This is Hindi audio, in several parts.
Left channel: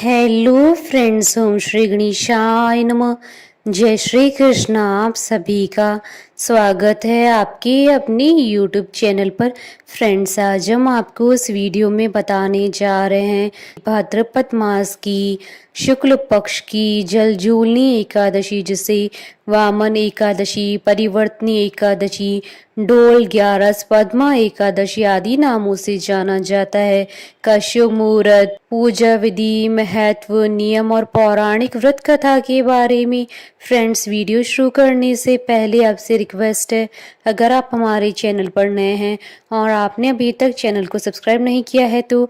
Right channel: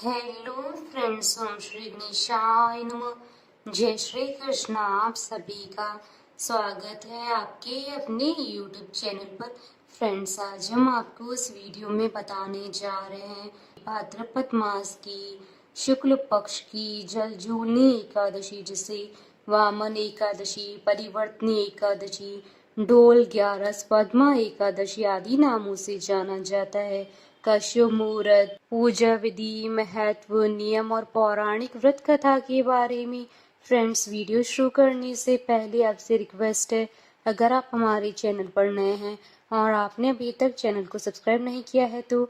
हेलो फ्रेंड्स, ओम श्री गणेशाय नमः। जय श्री कृष्ण। आप सभी का स्वागत है आपके अपने यूट्यूब चैनल पर। फ्रेंड्स, आज हम आपको इस वीडियो में बताने जा रहे हैं भाद्रपद मास की शुक्ल पक्ष की जलजूलनी एकादशी, जिसे वामन एकादशी, परिवर्तनी एकादशी, डोल ग्यारस, पद्मा एकादशी आदि नामों से जाना जाता है। का शुभ मुहूर्त, पूजा विधि, महत्व, नियम और पौराणिक व्रत कथा के बारे में फ्रेंड्स, वीडियो शुरू करने से पहले आपसे रिक्वेस्ट है, अगर आप हमारे चैनल पर नए हैं और आपने अभी तक चैनल को सब्सक्राइब नहीं किया है तो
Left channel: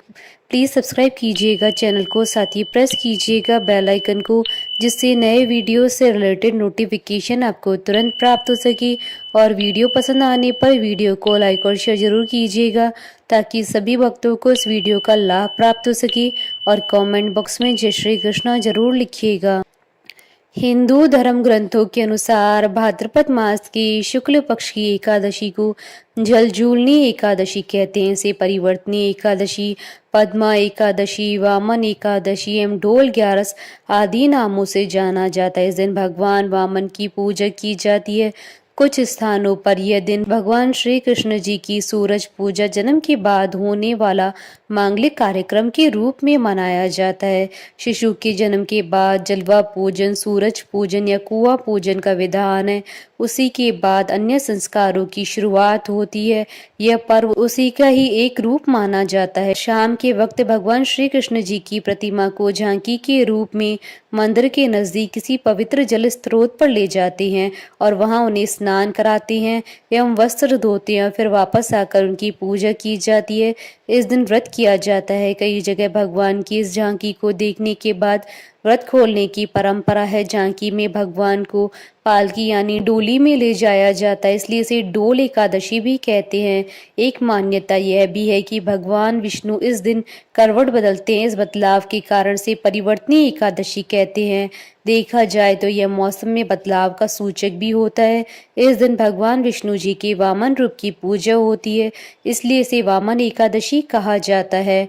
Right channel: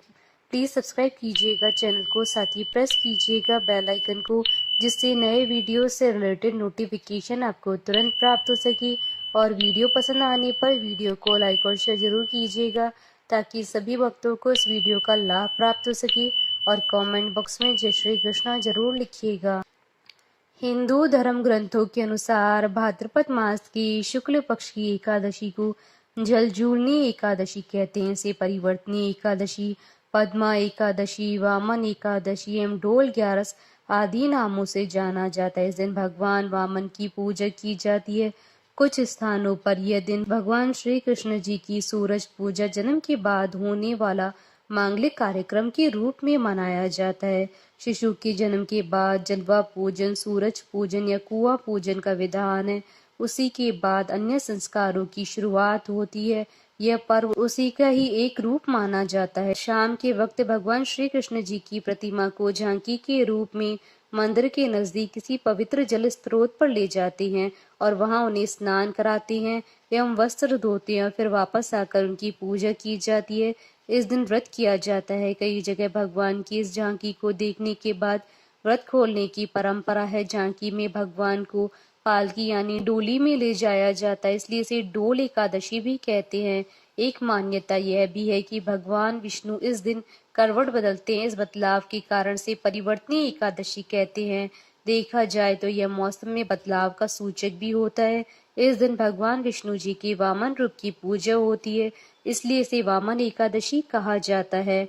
प्लीज़ सब्सक्राइब कीजिएगा चैनल को, साथ ही प्रेस कीजिएगा बेल आइकन को, जिससे नए वीडियो से रिलेटेड नोटिफिकेशन आपको तुरंत प्राप्त हो सके। और वीडियो पसंद आने पर वीडियो को लाइक और शेयर जरूर कीजिएगा, ताकि सभी भक्तों को इस वीडियो का लाभ प्राप्त हो सके। और कमेंट बॉक्स में जय श्री कृष्णा जरूर लिखिएगा। हिंदू धर्म ग्रंथों के अनुसार भाद्रपद मास की शुक्ल पक्ष की एकादशी को जलजूलनी एकादशी कहते हैं। इसे परिवर्तनी एकादशी, पद्मा एकादशी, वामन एकादशी एवं डोल ग्यारस आदि नामों से जाना जाता है। इस दिन भगवान वामन की पूजा की जाती है। कुछ स्थानों पर यह दिन भगवान श्री कृष्ण जी की सूरज पूजा, जन्म के बाद होने वाला मांगलिक कार्यक्रम के रूप में मनाया जाता है। शिशु के जन्म के बाद जलवा पूजन, सूरज पूजन या कुआं पूजन का विधान है। उसी के बाद अन्य संस्कारों की शुरुआत होती है। यह पर्व उसी का ही एक रूप माना जाता है। शाम के वक्त भगवान श्री कृष्ण जी की प्रतिमा को झांकी के रूप में मंदिर के नजदीक किसी पवित्र जल स्रोत पर ले जाते हैं और वहां उन्हें स्नान कराते हैं एवं वस्त्र धोते हैं। फिर वापस आकर उनकी पूजा की जाती है। इस दिन व्रत किया जाता है। कई जगह भगवान की इस झांकी को देखने के बाद व्रत खोलने की परंपरा है। झांकी में भगवान को पालकी यानी डोली में ले जाया जाता है, इसलिए इसे डोल एकादशी भी कहते हैं। एक मान्यता यह भी है कि भगवान विष्णु इस दिन करवट बदलते हैं। इस बदलाव के कारण से परिवर्तनी एकादशी कहते हैं। देखा जाए तो यह मौसम में बदलाव का सूचक भी होता है। इस दिन भगवान विष्णु जी के वामन रूप की पूजा होती है, इसलिए इसे वामन एकादशी कहा जाता है।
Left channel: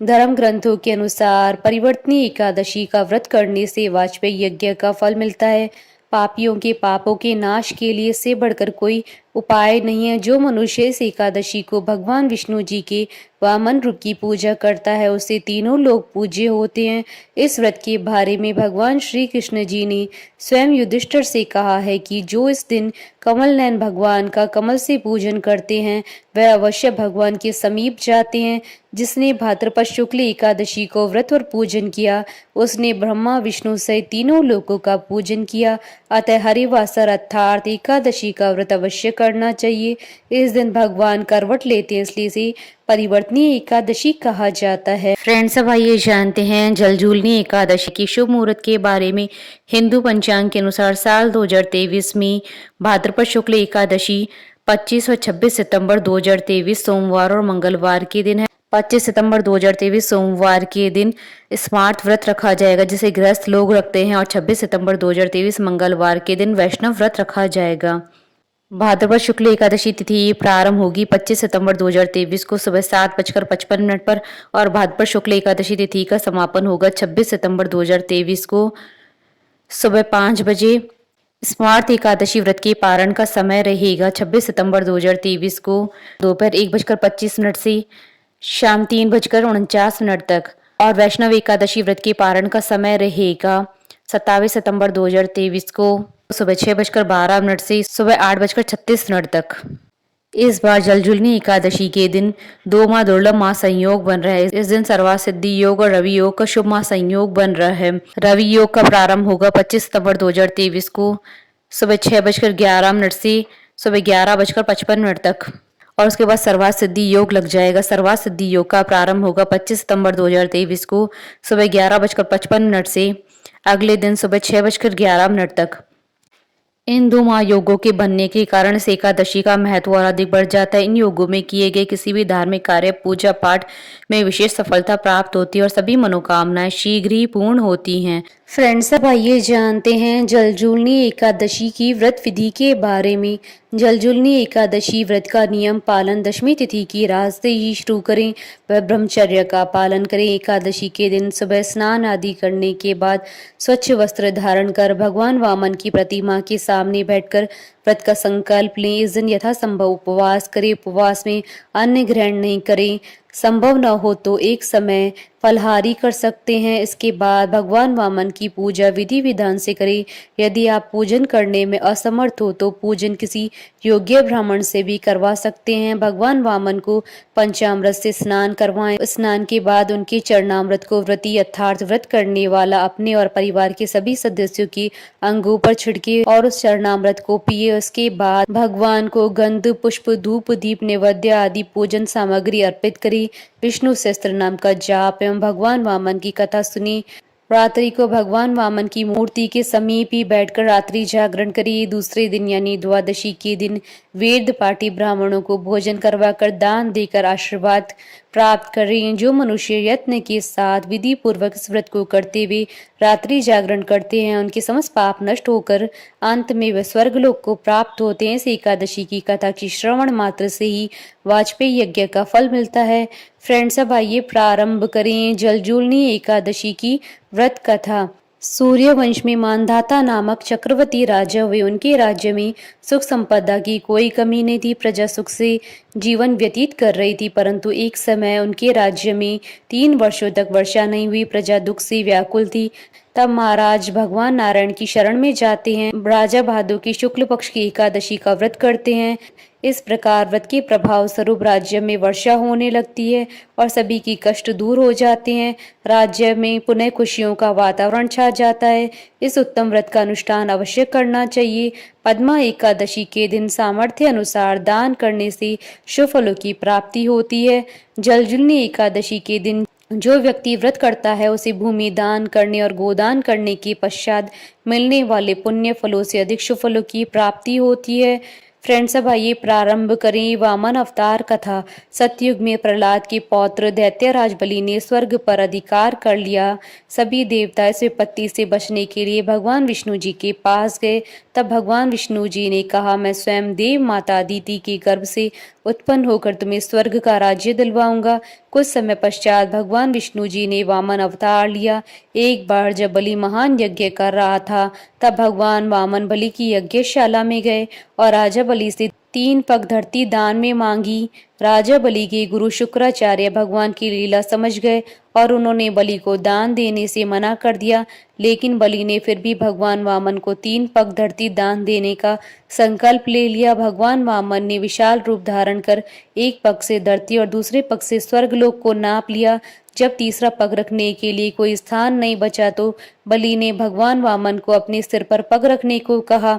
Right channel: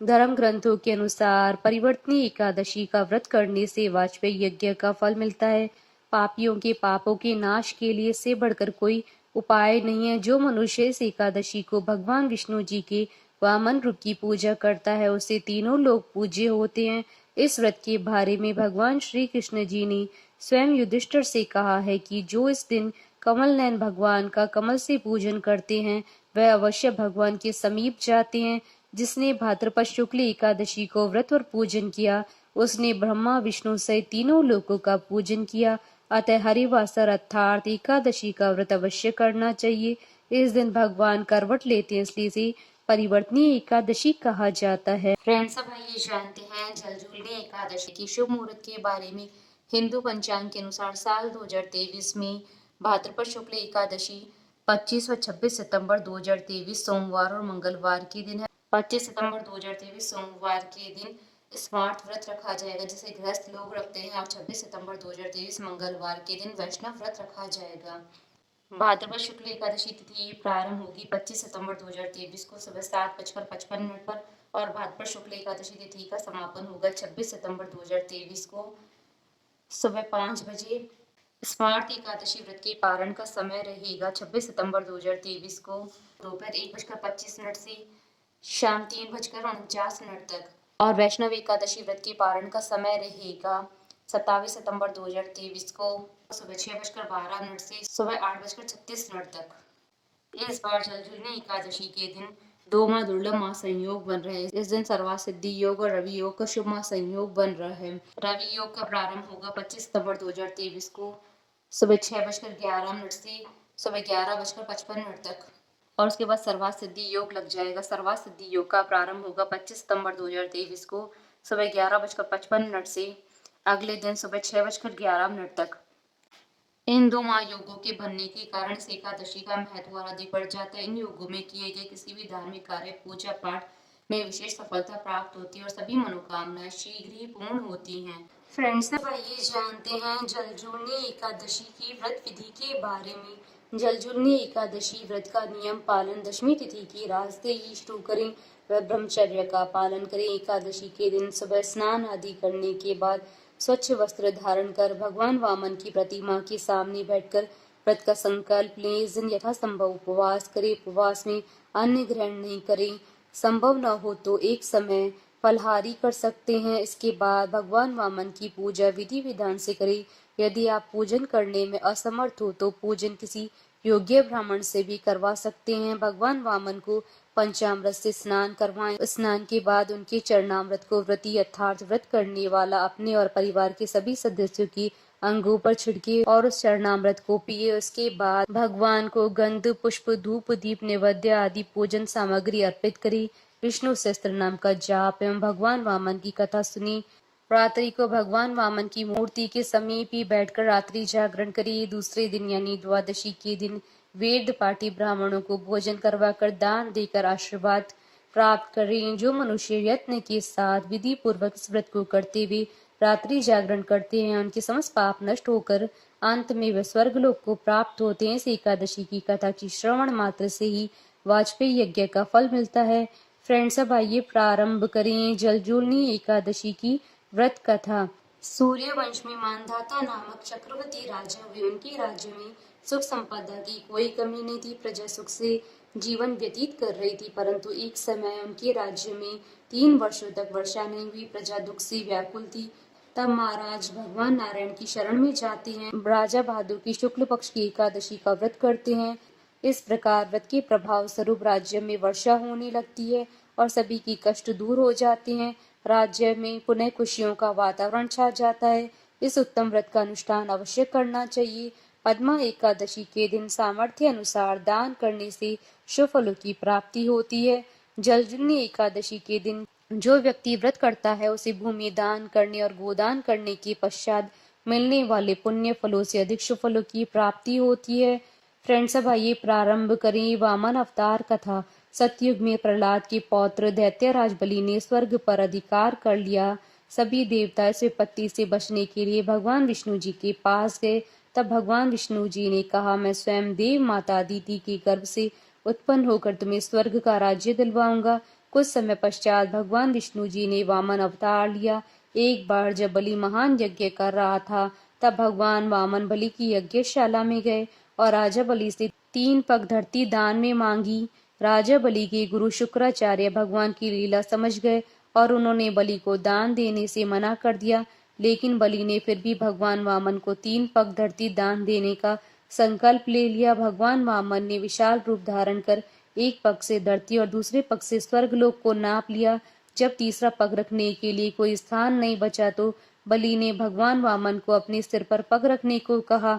धर्म ग्रंथों के अनुसार परिवर्तनी एकादशी का व्रत करने से वाजपेयी यज्ञ का फल मिलता है। पापियों के पापों के नाश के लिए इससे बढ़कर कोई उपाय नहीं है। जो मनुष्य इस एकादशी को भगवान विष्णु जी के वामन रूप की पूजा करता है, उसे तीनों लोग पूज्य होते हैं। इस व्रत के बारे में भगवान श्री कृष्ण जी ने स्वयं युधिष्ठिर से कहा है कि जो इस दिन कमल नयन भगवान का कमल से पूजन करते हैं, वह अवश्य भगवान के समीप जाते हैं। जिसने भाद्रपद शुक्ल एकादशी को व्रत और पूजन किया, उसने ब्रह्मा विष्णु सहित तीनों लोकों का पूजन किया। अतः हरिवासर अर्थात एकादशी का व्रत अवश्य करना चाहिए। इस दिन भगवान करवट लेते हैं, इसलिए इसे परिवर्तनी एकादशी कहा जाता है। फ्रेंड्स, अब आइए जानते हैं जलजूलनी एकादशी की शुभ मुहूर्त के बारे में। हिंदू पंचांग के अनुसार साल 2023 में भाद्रपद शुक्ल एकादशी 25 और 26 सितंबर 2023 सोमवार और मंगलवार के दिन है। 25 सितंबर 2023 सोमवार के दिन स्मार्त व्रत रखा जाएगा, जिसे गृहस्थ लोग रखते हैं, और 26 सितंबर 2023 मंगलवार के दिन वैष्णव व्रत रखा जाएगा। भाद्रपद शुक्ल एकादशी तिथि प्रारंभ होगी 25 सितंबर 2023 को सुबह 7:55 पर और भाद्रपद शुक्ल एकादशी तिथि का समापन होगा 26 सितंबर 2023 को सुबह 5 बजे। स्मार्त एकादशी व्रत के पारण का समय रहेगा 26 सितंबर 2023 को दोपहर 1:25 से शाम 3:49 तक, और वैष्णव एकादशी व्रत के पारण का समय रहेगा 27 सितंबर 2023 को सुबह 6:12 से सुबह 8:36 तक। इस बार जलजूलनी एकादशी के दिन दो माह दुर्लभ माह संयोग बन रहा है। इस दिन सर्वार्थ सिद्धि योग और रवि योग का शुभ माह संयोग बन रहा है। रवि योग का प्रारंभ होगा 25 सितंबर 2023 को सुबह 6:11 से सुबह 11:55 तक, और उसके बाद सर्वार्थ सिद्धि योग लग जाएगा। सर्वार्थ सिद्धि योग का प्रारंभ होगा 25 सितंबर 2023 को सुबह 11:55 से अगले दिन सुबह 6:11 तक। इन दो महायोगों के बनने के कारण इस एकादशी का महत्व और अधिक बढ़ जाता है। इन योगों में किए गए किसी भी धार्मिक कार्य, पूजा पाठ में विशेष सफलता प्राप्त होती है और सभी मनोकामनाएं शीघ्र ही पूर्ण होती हैं। फ्रेंड्स, अब आइए जानते हैं जलजूलनी एकादशी की व्रत विधि के बारे में। जलजूलनी एकादशी व्रत का नियम पालन दशमी तिथि की रात से ही शुरू करें व ब्रह्मचर्य का पालन करें। एकादशी के दिन सुबह स्नान आदि करने के बाद स्वच्छ वस्त्र धारण कर भगवान वामन की प्रतिमा के सामने बैठकर व्रत का संकल्प लें। इस दिन यथासंभव उपवास करें। उपवास में अन्न ग्रहण नहीं करें। संभव न हो तो एक समय फलहारी कर सकते हैं। इसके बाद भगवान वामन की पूजा विधि विधान से करें। यदि आप पूजन करने में असमर्थ हो तो पूजन किसी योग्य ब्राह्मण से भी करवा सकते हैं। भगवान वामन को पंचामृत से स्नान करवाएं। स्नान के बाद उनके चरणामृत को व्रती अर्थात व्रत करने वाला अपने और परिवार के सभी सदस्यों के अंगों पर छिड़के और उस चरणामृत को पिए। उसके बाद भगवान को गंध पुष्प धूप दीप नैवेद्य आदि पूजन सामग्री अर्पित करें। विष्णु सहस्त्र नाम का जाप एवं भगवान वामन की कथा सुनी। रात्रि को भगवान वामन की मूर्ति के समीप ही बैठकर रात्रि जागरण करिए। दूसरे दिन यानी द्वादशी के दिन वेद पाठी ब्राह्मणों को भोजन करवाकर दान देकर आशीर्वाद प्राप्त करें। जो मनुष्य यत्न के साथ विधि पूर्वक इस व्रत को करते हुए रात्रि जागरण करते हैं उनके समस्त पाप नष्ट होकर अंत में वे स्वर्गलोक को प्राप्त होते हैं। इस एकादशी की कथा की श्रवण मात्र से ही वाजपेयी यज्ञ का फल मिलता है। फ्रेंड्स, अब आइए प्रारंभ करें जलजूलनी एकादशी की व्रत कथा। सूर्यवंश में मानधाता नामक चक्रवर्ती राजा हुए। उनके राज्य में सुख संपदा की कोई कमी नहीं थी। प्रजा सुख से जीवन व्यतीत कर रही थी, परंतु एक समय उनके राज्य में 3 वर्षों तक वर्षा नहीं हुई। प्रजा दुख से व्याकुल थी। तब महाराज भगवान नारायण की शरण में जाते हैं। राजा भादो की शुक्ल पक्ष की एकादशी का व्रत करते हैं। इस प्रकार व्रत के प्रभाव स्वरूप राज्य में वर्षा होने लगती है और सभी की कष्ट दूर हो जाते हैं। राज्य में पुनः खुशियों का वातावरण छा जाता है। इस उत्तम व्रत का अनुष्ठान अवश्य करना चाहिए। पद्मा एकादशी के दिन सामर्थ्य अनुसार दान करने से शुभ फलों की प्राप्ति होती है। जलजूलनी एकादशी के दिन जो व्यक्ति व्रत करता है उसे भूमि दान करने और गोदान करने के पश्चात मिलने वाले पुण्य फलों से अधिक शुभ फलों की प्राप्ति होती है। फ्रेंड्स, अब आइए प्रारंभ करें वामन अवतार कथा। सतयुग में प्रहलाद के पौत्र दैत्यराज बलि ने स्वर्ग पर अधिकार कर लिया। सभी देवता इस विपत्ति से बचने के लिए भगवान विष्णु जी के पास गए। तब भगवान विष्णु जी ने कहा, मैं स्वयं देव माता अदिति के गर्भ से उत्पन्न होकर तुम्हें स्वर्ग का राज्य दिलवाऊंगा। कुछ समय पश्चात भगवान विष्णु जी ने वामन अवतार लिया। एक बार जब बलि महान यज्ञ कर रहा था तब भगवान वामन बलि की यज्ञशाला में गए और राजा बलि से 3 पग धरती दान में मांगी। राजा बलि के गुरु शुक्राचार्य भगवान की लीला समझ गए और उन्होंने बलि को दान देने से मना कर दिया, लेकिन बलि ने फिर भी भगवान वामन को 3 पग धरती दान देने का संकल्प ले लिया। भगवान वामन ने विशाल रूप धारण कर एक पग से धरती और दूसरे पग से स्वर्गलोक को नाप लिया। जब तीसरा पग रखने के लिए कोई स्थान नहीं बचा तो बलि ने भगवान वामन को अपने सिर पर पग रखने को कहा।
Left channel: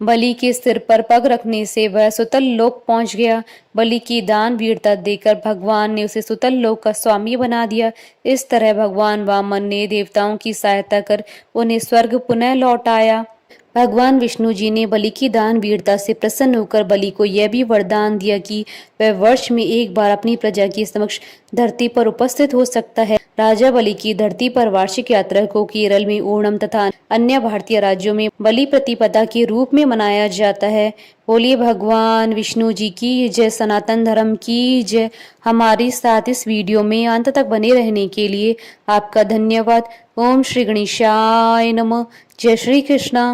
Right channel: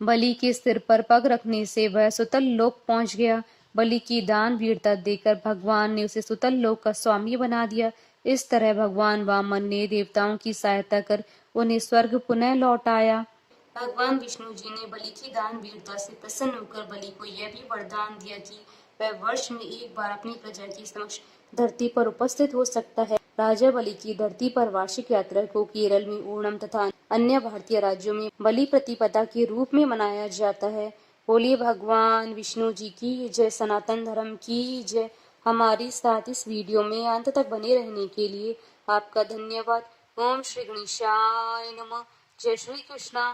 बलि के सिर पर पग रखने से वह सुतल लोक पहुंच गया। बलि की दान वीरता देकर भगवान ने उसे सुतल लोक का स्वामी बना दिया। इस तरह भगवान वामन ने देवताओं की सहायता कर उन्हें स्वर्ग पुनः लौटाया। भगवान विष्णु जी ने बलि की दान वीरता से प्रसन्न होकर बलि को यह भी वरदान दिया कि वह वर्ष में एक बार अपनी प्रजा के समक्ष धरती पर उपस्थित हो सकता है। राजा बलि की धरती पर वार्षिक यात्रा को केरल में ओणम तथा अन्य भारतीय राज्यों में बलि प्रतिपदा के रूप में मनाया जाता है। बोलिए भगवान विष्णु जी की जय, सनातन धर्म की जय। हमारे साथ इस वीडियो में अंत तक बने रहने के लिए आपका धन्यवाद। ओम श्री गणेशाय नमः। जय श्री कृष्णा।